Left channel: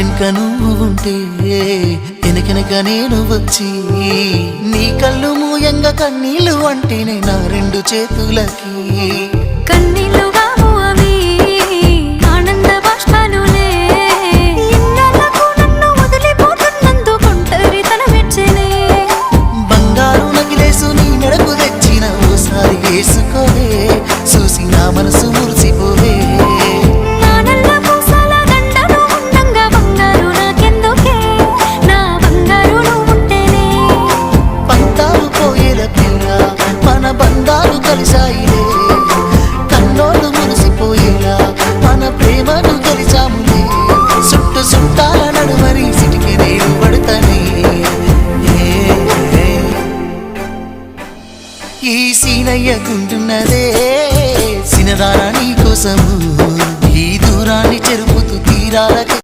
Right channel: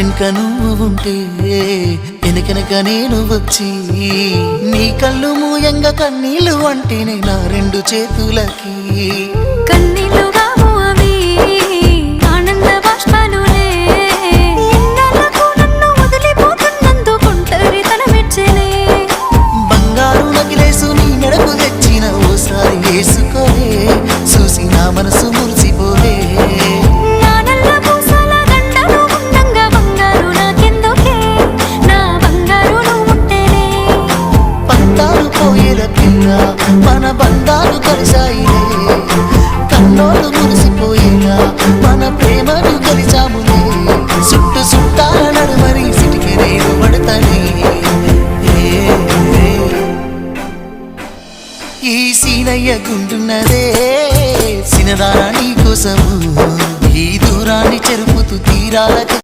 ఇంటెనక నువ్వు ఉంటే వెనకెనక నేను వచ్చి నీ కళ్ళు మూయంగా కన్నీళ్ళు అంటేనే నా రెండు చేతులకి కన్నీళ్ళు కావు అవి ఆనంద బాష్పాలులే ఇన్నాళ్ళకు నన్ను వదిలిపోతున్నందుకు ఒంటరితనం మెచ్చనే బంగారు నకిలేసు నీ మెడకు తెచ్చిన ఓసారి వేసుకోవే చూసి నా మనసు మురిసిపోవే మన బంధాలు కలిసాయిలే కన్నోళ్ళు మురిసిపోయేలా మన ప్రేమను కలిసాములే చుట్టు చుట్టాల నడుమని సిటికి నేను పడతానే ఈ సీనయ్య గుంటున్నదే సినదారా నీ కోసము ఈ దూరాన్ని చెరుపుతూ తీరాలకి